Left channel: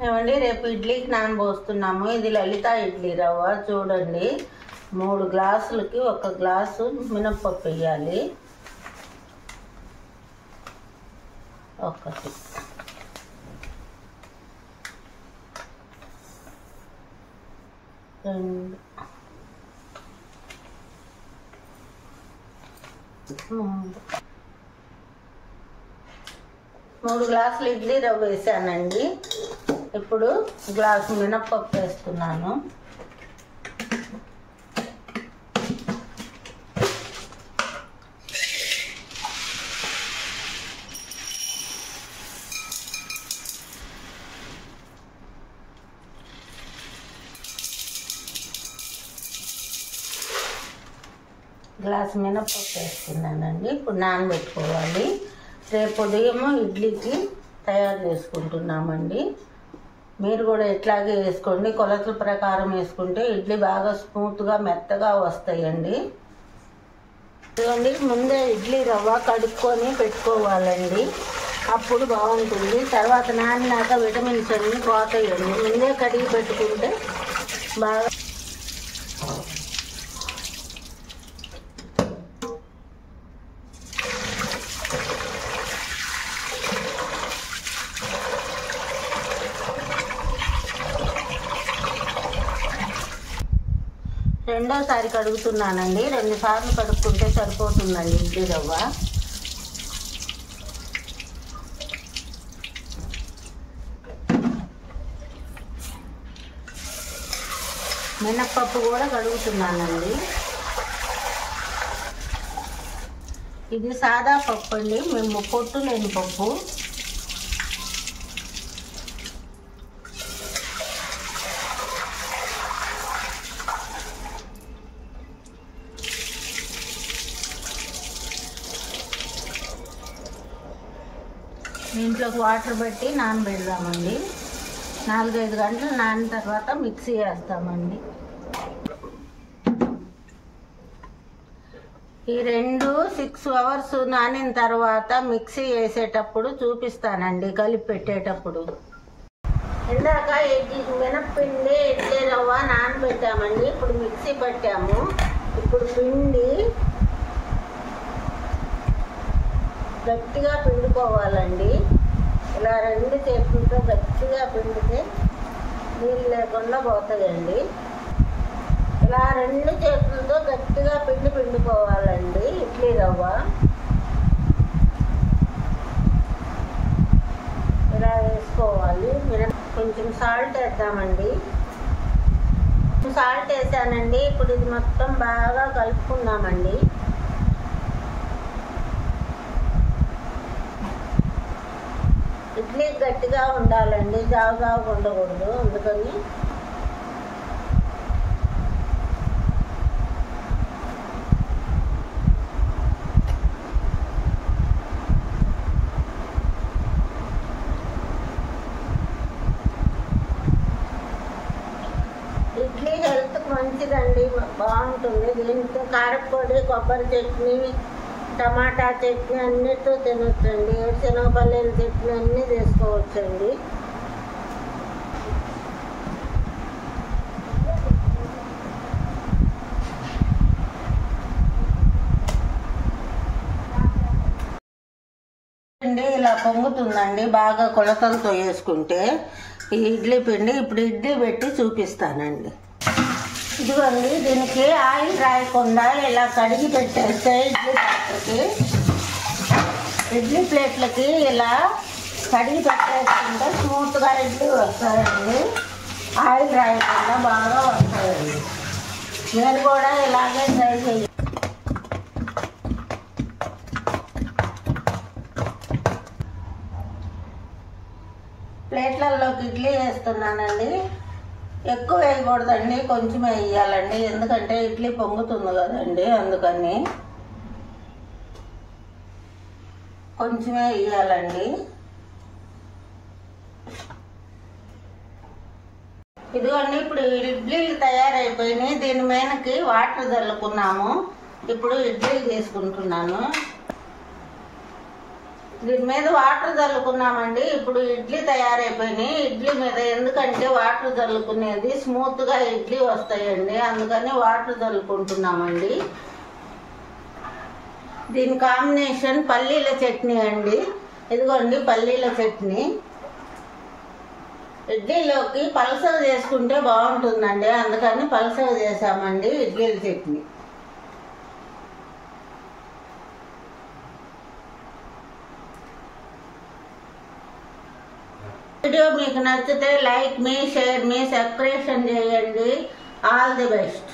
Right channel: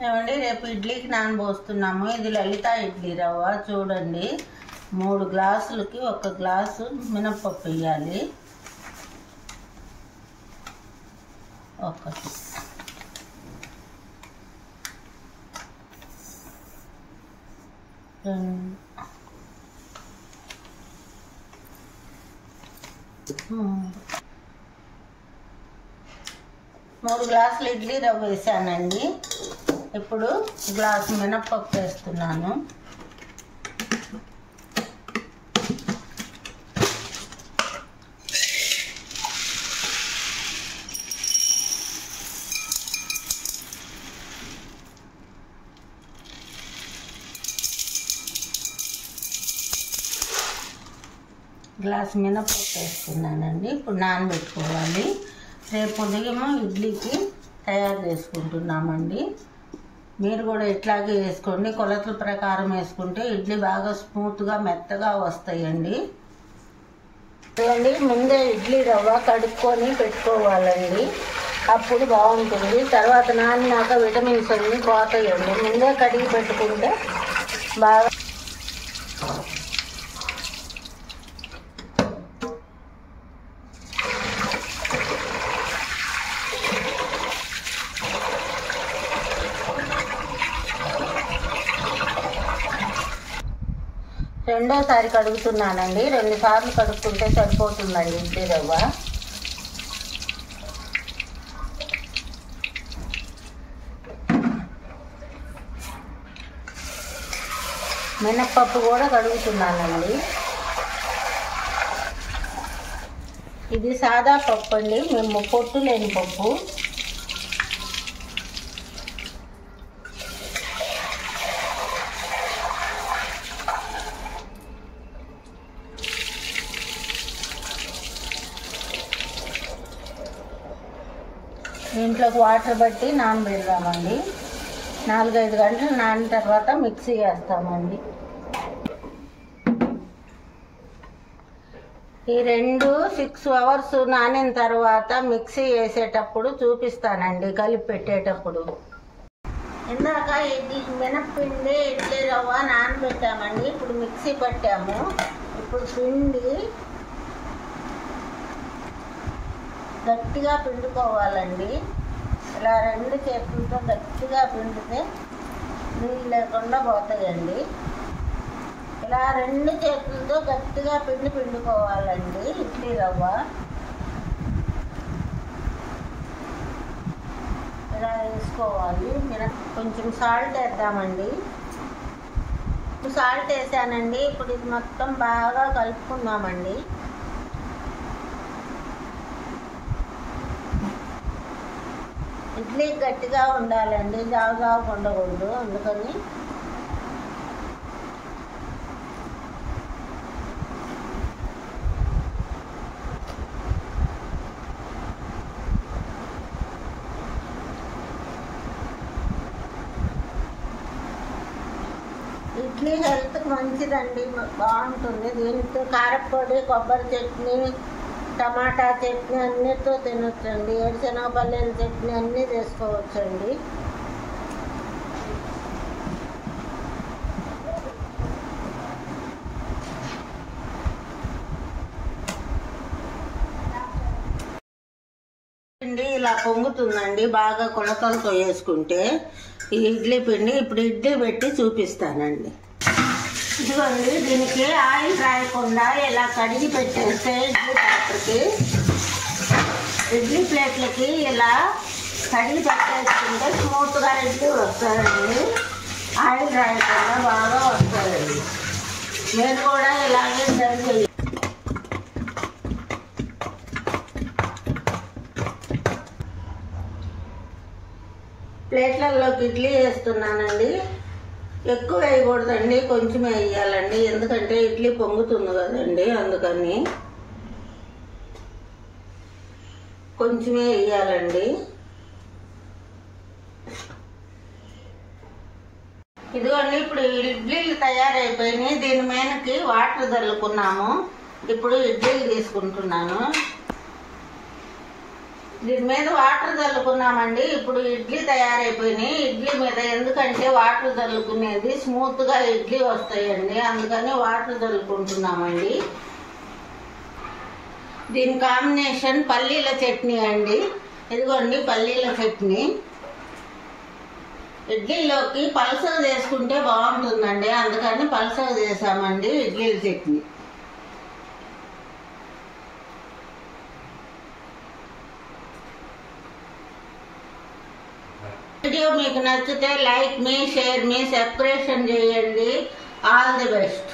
ఏమండి రేపు ఇడ్లీకి నానబోస్తున్నాము. ఇది లలిత ఇడ్లీ రవ్వ. చూడండి, 3 గ్లాసులకి 1 గ్లాసు మినప్పప్పు వేయాలి. 1 2 3 గ్లాసులు ఇడ్లీ రవ్వ వేసానండి. ఇప్పుడు గ్లాసు మినప్పప్పు వేస్తున్నాను. గ్లాసు మినప్పప్పు వేస్తున్నానండి. ఇప్పుడు నానబెట్టుకోవాలి. రేపు ఉదయం ఇడ్లీకి తయారు చేసుకుంటున్నామండి. మీరు కూడా ఇట్లాగే వేసుకోండి. కొలతల ప్రకారం వేసుకుంటే ఇడ్లీ బాగా స్మూత్గా మెత్తగా వస్తాయండి. చూడండి, ముందే ఇడ్లీ రవ్వ కడుక్కొని పెట్టుకోవాలండి. అప్పుడు బాగుంటుంది. తర్వాత నానినాక విటమిన్స్ అన్నీ పోతాయండి. ముందే కడిగి పెట్టుకుంటే బాగా. రెండోసారి కడుగుతున్నానండి. 2 సార్లు కడుక్కుంటే సరిపోతుందండి ఇడ్లీ రవ్వ. మినప్పప్పు కూడా కడుగుతున్నానండి. ఇది సాదా పప్పు అండి, మేము పొట్టు లేని పప్పు. దీంట్లోకి వాటర్ బట్టి నానబెడదామండి. 4-5 గంటలు నానిన తర్వాత మిక్సీ వేస్తామండి. ఈ 6 అవర్స్ నానిన తర్వాత మిక్సీ వేసేటప్పుడు చూపిస్తానండి, కలిపి పెట్టేటప్పుడు. ఇందాక మినప్పిండి ఇడ్లీ రవ్వ నానబెట్టామండి. ఇప్పుడు మిక్సీ పట్టాము. ఇప్పుడు పిండి గట్టిగా పిండుకోవాలండి. ఇలా 2 చేతులతో గట్టిగా పిండితే నీళ్ళు లేకుండా పోతాయండి. ఇలా 2 చేతులతో గట్టిగా పిండుకోవాలండి ఇడ్లీ రవ్వ. ఇలా వేసుకోవాలి. కొంచెం సాల్ట్ వేద్దామండి. సాల్ట్ వేసానండి. ఇప్పుడు ఇది మొత్తం బాగా కలుపుకుందామండి. ఇడ్లీ గట్టిగా ఉండాలండి, జావుగా ఉండకూడదు. అందుకని ఇడ్లీ హెల్త్కి మంచిదండి, బాగుంటుంది. దీంతో కారపొడి, కొబ్బరి చట్నీ, టమాటా చట్నీ అన్నిటితో తినొచ్చండి. ఏరుశనగపల్లీల చట్నీ అన్నీ చేసుకోవచ్చండి. పిండి ఇలా పొంగుతుందండి బాగా కొలతలతో వేసుకుంటే ఈ ఇడ్లీ పిండి. ఇప్పుడు ఇడ్లీ పెట్టి చూపిస్తానండి. ఇదిగోండి, దీనికి ఆయిల్ రాయకుండా ఇలా కడిగి పెట్టేస్తే ఇడ్లీ ప్లేట్లకి ఇలా కడిగి పెట్టేసుకుంటే స్మూత్గా ఇడ్లీ వస్తాయండి. ఆయిల్ రాయకుండా బాగా వస్తాయండి. మీరు కూడా ఇలాగే ట్రై చేయండి. ప్లేట్లలోకి ఇడ్లీ వేస్తున్నానండి. ఎక్కువ వేయకూడదండి, కొంచెం వేయాలండి. ఎందుకంటే ఇడ్లీ పొంగుతుంది కదండి, అందుకని కొంచెమే వేయాలండి. ఇదిగోండి, ఇప్పుడు ఇడ్లీలు తయారైపోయినాయి. దీని మీదకి వాటర్ చల్లుకున్నాము. ఇప్పుడు ఇడ్లీలు తీసుకుంటున్నాను. దీని మీద వాటర్ చల్లుకున్నామండి. ఇప్పుడు ఇడ్లీ తయారైపోయినాయి. ఇడ్లీ మీద ఎందుకంటే వాటర్ చల్లుకునేది స్మూత్గా ఇడ్లీ వస్తాయండి, అందుకని వాటర్ చల్లుకుంటున్నామండి. దీని కాంబినేషన్ పల్లీల చట్నీ అండి. ఇదిగోండి పల్లీల చట్నీ. ఇడ్లీలోకి పల్సగా చేసుకుంటే బాగుంటుందండి, అందుకని పల్సగా చేసామండి ఇడ్లీల చట్నీ. వీడియో మీకు నచ్చితే లైక్ మీ, షేర్ మీ, సబ్స్క్రిప్షన్ చేయండి. All the best.